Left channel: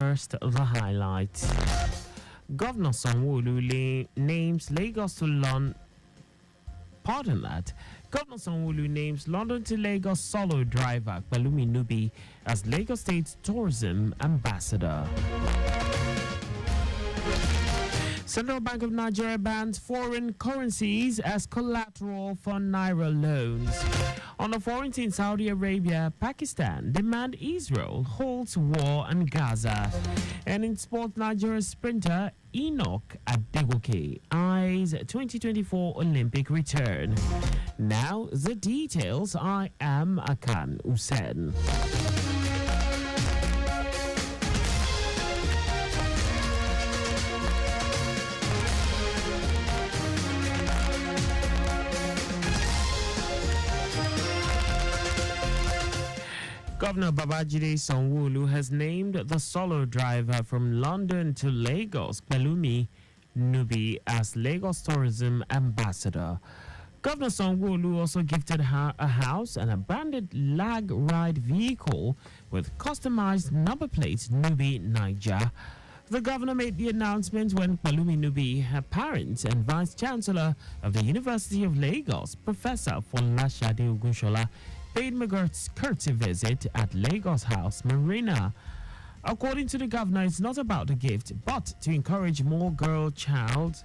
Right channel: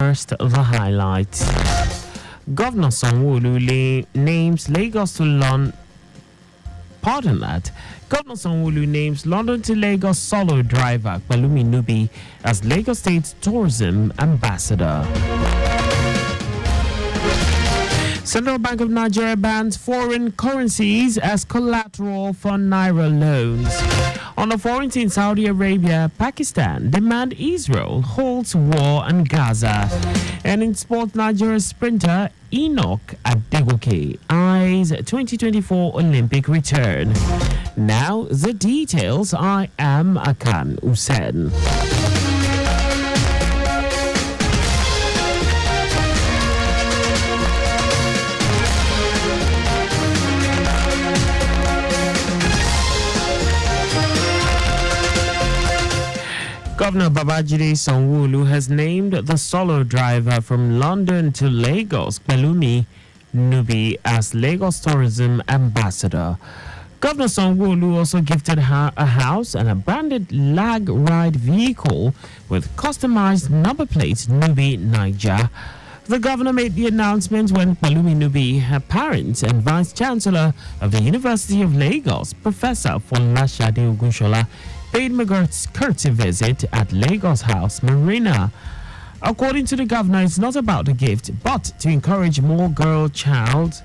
First, the highlights. Governor Sanwo-Olu names Lagos to London. Pardon that. Governor Sanwo-Olu names London to Lagos solo driver Pelumi Nubi as Lagos State Tourism Ambassador. Central Bank of Nigeria bans foreign currencies as collateral for Naira loans. On the foreign in Saudi Arabia, Pakistan demand Israel holds war on Gaza. And in sport, Nigeria sprinter Enoch Adegoke eyes 2024 Olympic return. Now the details. I am Akan Usen. Governor Babajide Sanwo-Olu has named the solo driver from London to Lagos, Pelumi Nubi, as Lagos Tourism Ambassador. Governor Sanwo-Olu also gifted her a house and a branded lag ride vehicle with customized number plate Nubi Niger. The governor made the announcement when Pelumi Nubi, her parents and Vice Chancellor of the University of Lagos, Professor Folashade Ogunshola, paid McGirt's courtesy visit at Lagos House Marina. According to the governor, it's not about the gift, but to encourage more girl child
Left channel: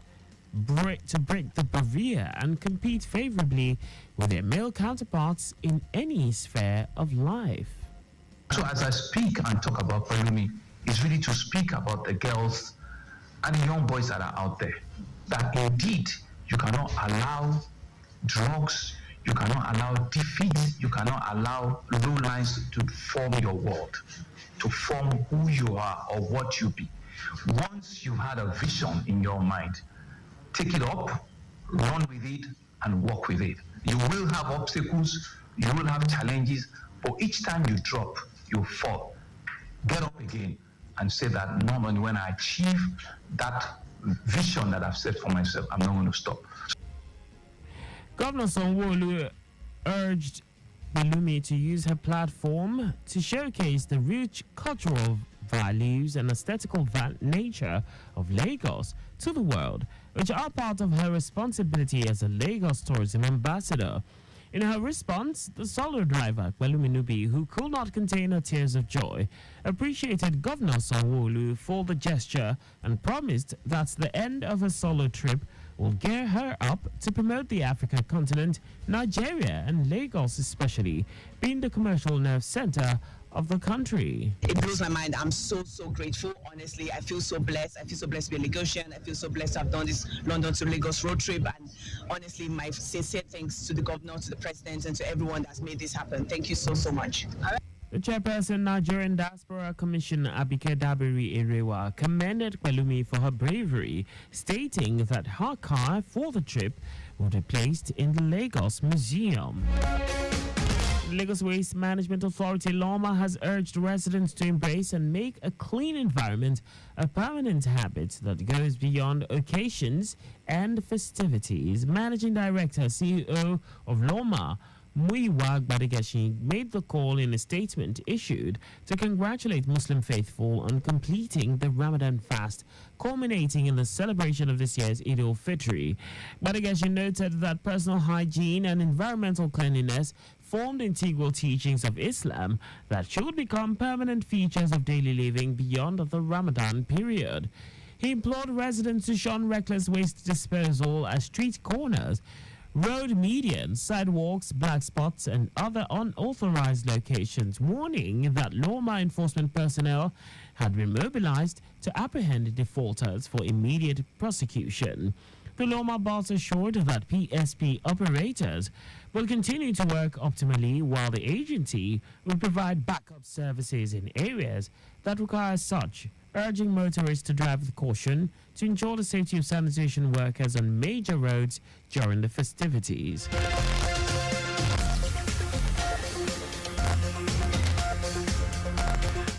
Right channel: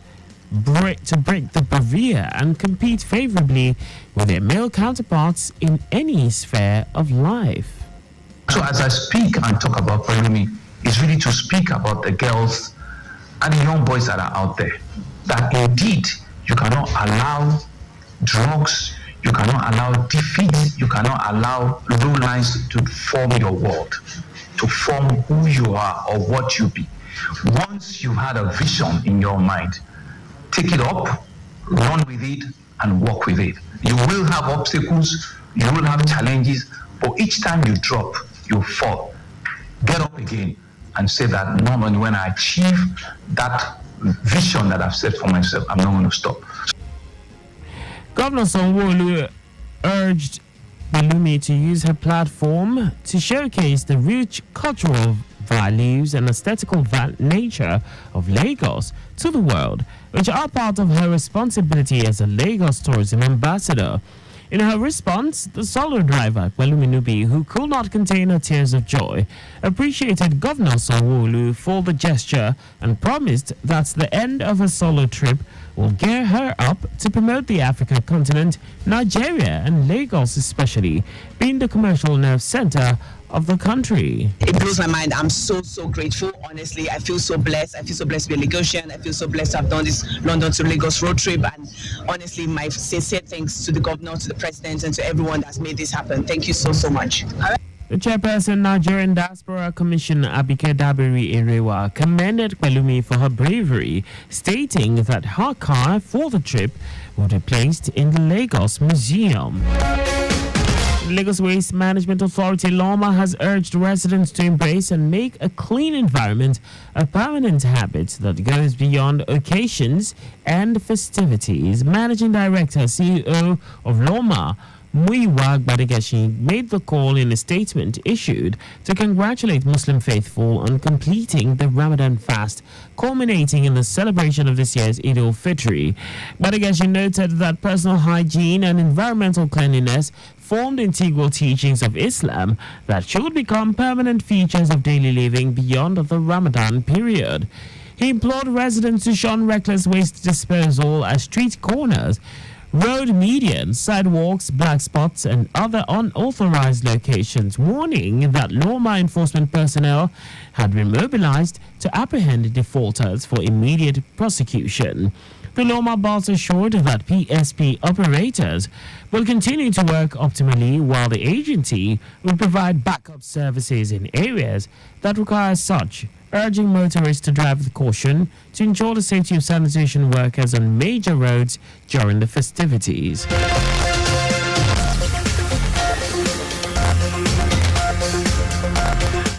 to break the barrier and compete favorably with their male counterparts in any sphere of life. So as I speak and talk about Pelumi, it's really to speak about the girls and the young boys that are out there, that indeed you cannot allow drugs, you cannot allow defeat, you cannot allow low lines to form your world, to form who you are or what you be. Once you've had a vision in your mind, take it up, run with it, and walk with it. You will have obstacles, you will have challenges, but each time you drop, you fall. Get up again and say that normally when I achieve that vision that I've set for myself, I'm not going to stop. Governor Sanwo-Olu urged Pelumi to use her platform to showcase the rich cultural values and aesthetical nature of Lagos to the world, which are part of her responsibility as a Lagos Tourism Ambassador. In her response, the solo driver, Pelumi Nubi, who could not contain her tears of joy, appreciated Governor Sanwo-Olu for the gesture and promised that the end of her solo trip will gear her up to promote the African continent, Nigeria and Lagos especially, being the commercial nerve center of the country. It blows my mind. I'm so grateful. Honestly, I feel so blessed. I feel so blessed to be a Lagosian. I feel so blessed to have done this London to Lagos road trip. And honestly, my sincere thanks to the governor, to the president, and to everyone that's made this happen. Thank you so much. The chairperson, Nigerian Diaspora Commission, Abike Dabiri Erewa, commended Pelumi for her bravery, stating that her car for the trip would be placed in the Lagos Museum. The Lagos Waste Management Authority, LOMA, has urged residents to embrace and make a clean environment a permanent habit that goes beyond occasions and festivities. Managing Director, CEO of LOMA, Muyiwa Gbadegesi, made the call in a statement issued to congratulate Muslim faithful on completing the Ramadan fast, culminating in the celebration of this year's Eid al-Fitr. Gbadegesi noted that personal hygiene and environmental cleanliness formed integral teachings of Islam that should become permanent features of daily living beyond the Ramadan period. He implored residents to shun reckless waste disposal at street corners, road medians, sidewalks, black spots, and other unauthorized locations, warning that law enforcement personnel had been mobilized to apprehend defaulters for immediate prosecution. The Loma boss assured that PSP operators will continue to work optimally while the agency will provide backup services in areas that require such, urging motorists to drive with caution to ensure the safety of sanitation workers on major roads during the festivities.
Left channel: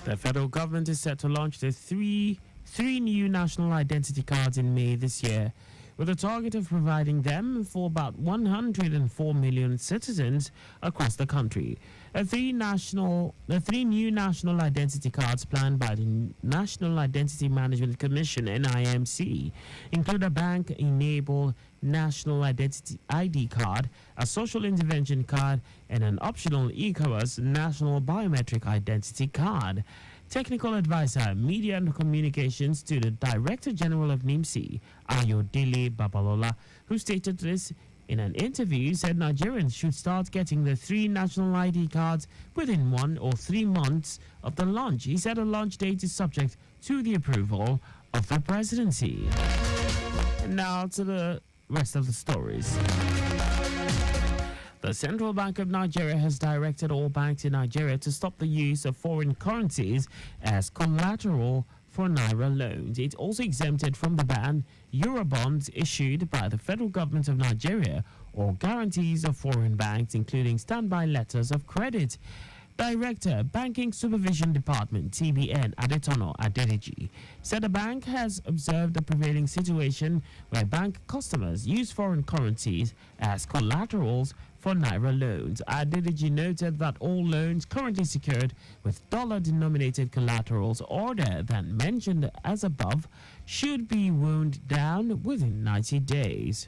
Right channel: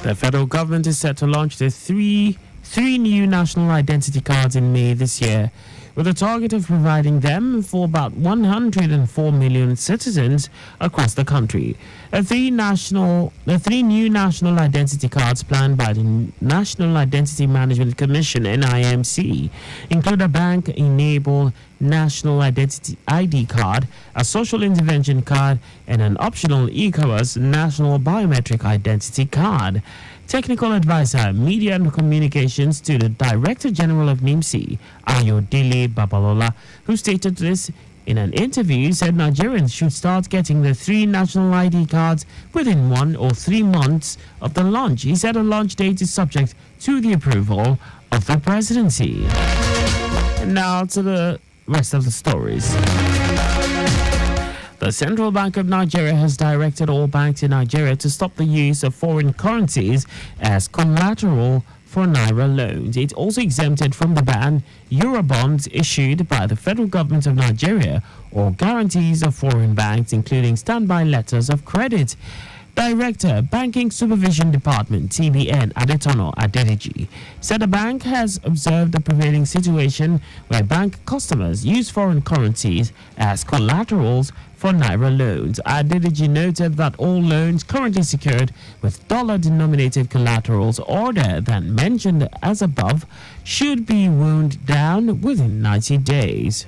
The federal government is set to launch the three new national identity cards in May this year, with a target of providing them for about 104 million citizens across the country. The three new national identity cards planned by the National Identity Management Commission (NIMC) include a bank-enabled national identity ID card, a social intervention card, and an optional ECOWAS national biometric identity card. Technical advisor, media and communications to the Director General of NIMC, Ayodele Babalola, who stated this in an interview, said Nigerians should start getting the three national ID cards within 1 or 3 months of the launch. He said a launch date is subject to the approval of the presidency. And now to the rest of the stories. The Central Bank of Nigeria has directed all banks in Nigeria to stop the use of foreign currencies as collateral for Naira loans. It also exempted from the ban Eurobonds issued by the federal government of Nigeria or guarantees of foreign banks, including standby letters of credit. Director, Banking Supervision Department, TBN, Adetono Adedeji, said the bank has observed the prevailing situation where bank customers use foreign currencies as collaterals for Naira loans. Adedeji noted that all loans currently secured with dollar-denominated collaterals other than mentioned as above should be wound down within 90 days.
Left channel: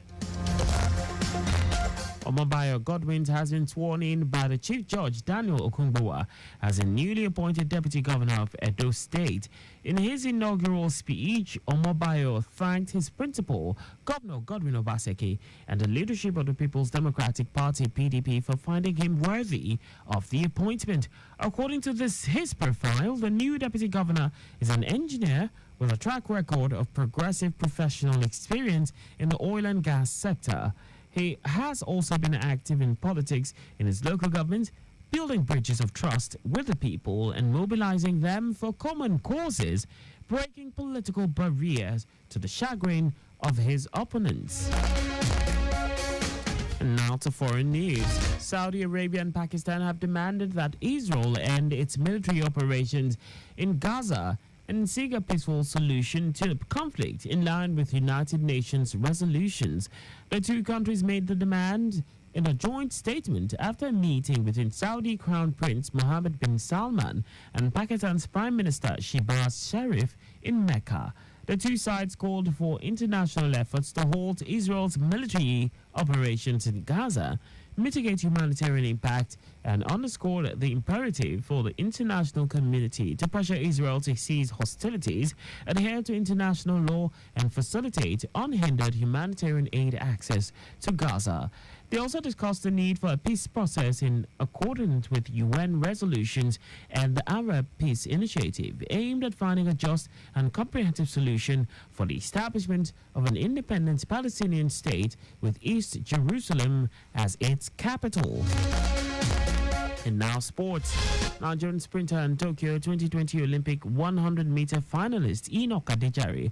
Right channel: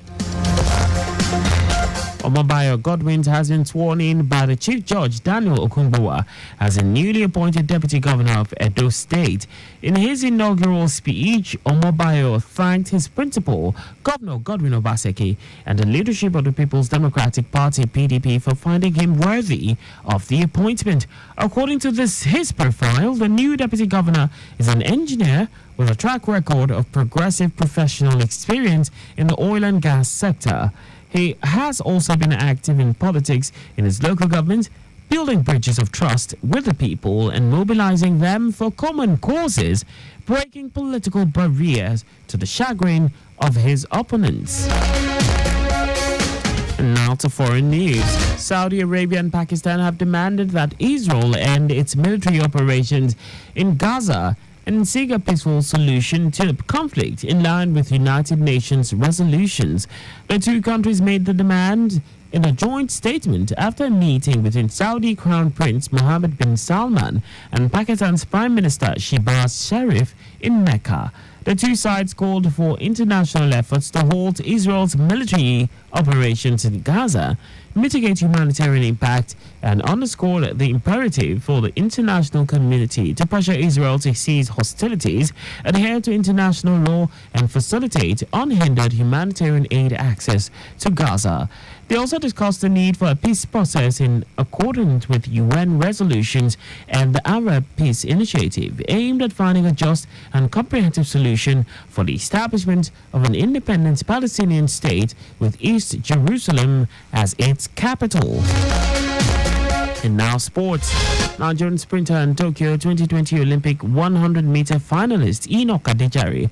Omobayo Godwin has been sworn in by the Chief Judge Daniel Okunbowa as a newly appointed Deputy Governor of Edo State. In his inaugural speech, Omobayo thanked his principal, Governor Godwin Obaseki, and the leadership of the People's Democratic Party (PDP) for finding him worthy of the appointment. According to his profile, the new Deputy Governor is an engineer with a track record of progressive professional experience in the oil and gas sector. He has also been active in politics in his local government, building bridges of trust with the people and mobilizing them for common causes, breaking political barriers to the chagrin of his opponents. And now to foreign news. Saudi Arabia and Pakistan have demanded that Israel end its military operations in Gaza and seek a peaceful solution to the conflict in line with United Nations resolutions. The two countries made the demand in a joint statement after a meeting between Saudi Crown Prince Mohammed bin Salman and Pakistan's Prime Minister Shehbaz Sharif in Mecca. The two sides called for international efforts to halt Israel's military operations in Gaza, mitigate humanitarian impact, and underscored the imperative for the international community to pressure Israel to cease hostilities, adhere to international law, and facilitate unhindered humanitarian aid access to Gaza. They also discussed the need for a peace process in accordance with UN resolutions and the Arab Peace Initiative, aimed at finding a just and comprehensive solution for the establishment of an independent Palestinian state with East Jerusalem as its capital. And now sports. Nigerian sprinter and Tokyo 2020 Olympic 100-meter finalist Enoch Adejare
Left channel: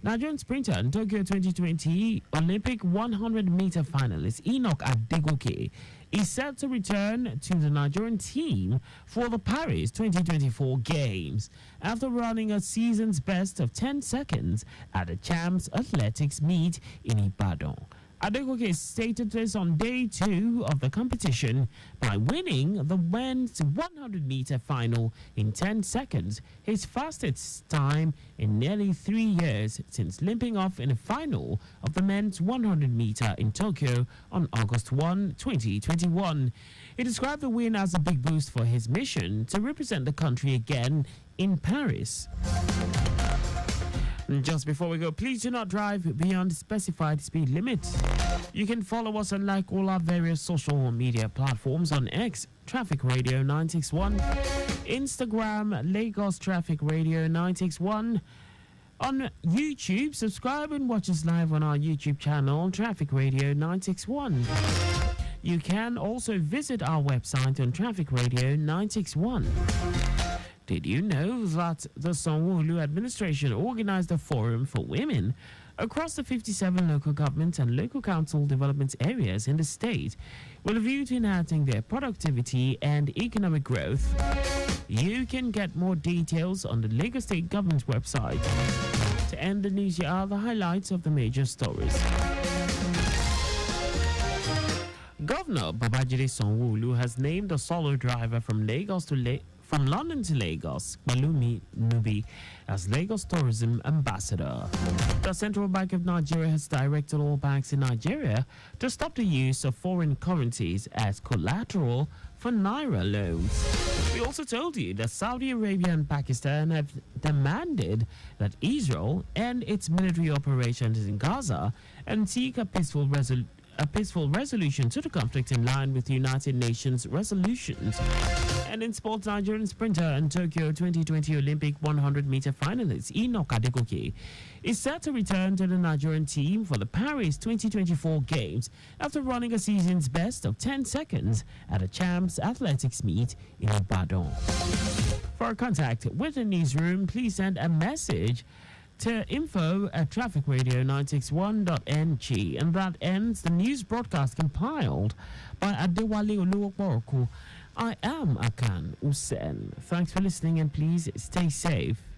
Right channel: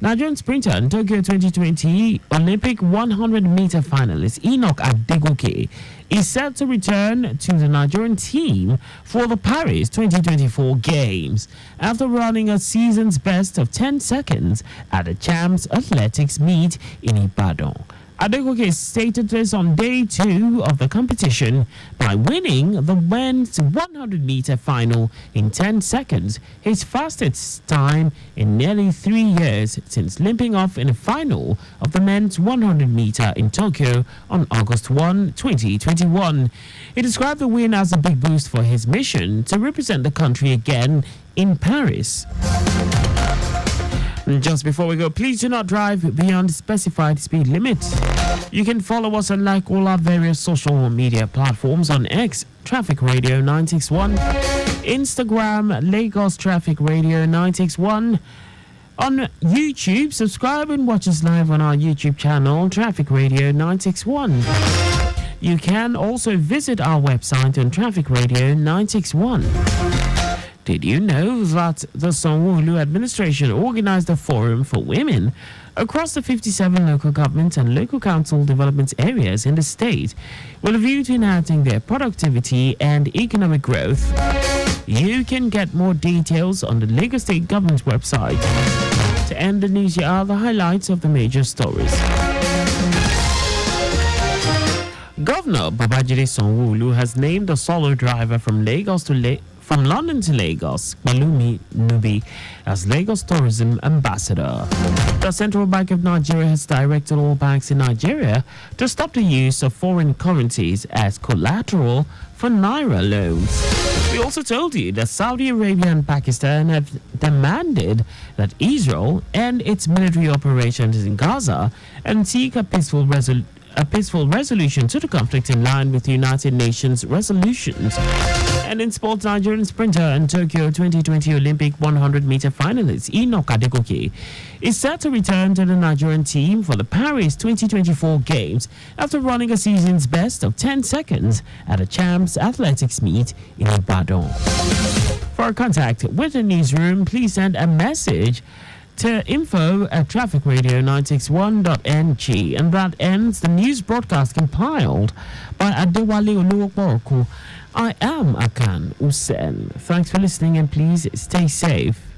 Nigerian sprinter and Tokyo 2020 Olympic 100-meter finalist Enoch Adegoke is set to return to the Nigerian team for the Paris 2024 Games after running a season's best of 10 seconds at the Champs Athletics meet in Ibadan. Adegoke stated this on day 2 of the competition by winning the men's 100-meter final in 10 seconds, his fastest time in nearly 3 years since limping off in the final of the men's 100-meter in Tokyo on August 1, 2021. He described the win as a big boost for his mission to represent the country again in Paris. Just before we go, please do not drive beyond specified speed limits. You can follow us and like all our various social media platforms on X, Traffic Radio 961, Instagram, Lagos Traffic Radio 961. On YouTube, subscribe and watch us live on our YouTube channel, Traffic Radio 961. You can also visit our website on Traffic Radio 961. Did you know that the Sanwo-Olu administration organized a forum for women across the 57 local government and local council development areas in the state with a view to enhancing their productivity and economic growth? You can get more details on the Lagos State Government website. To end the news, here are the highlights of the major stories. Governor Babajide Sanwo-Olu has named a solo driver from from London to Lagos, Malumi Nubi, as Lagos Tourism Ambassador. The Central Bank of Nigeria has directed all banks in Nigeria to stop the use of foreign currencies as collateral for Naira loans. We also told you that Saudi Arabia and Pakistan have demanded that Israel end its military operations in Gaza and seek a peaceful resolution to the conflict in line with the United Nations resolutions. And in sports, Nigerian sprinter and Tokyo 2020 Olympic 100-meter finalist Enoch Adegoke is set to return to the Nigerian team for the Paris 2024 Games after running a season's best of 10 seconds at a Champs Athletics meet in Ibadan. For contact with the newsroom, please send a message to info@trafficradio961.ng, and that ends the news broadcast compiled by Adewale Oluwoporoko. I am Akan Usen. Thanks for listening and please stay safe.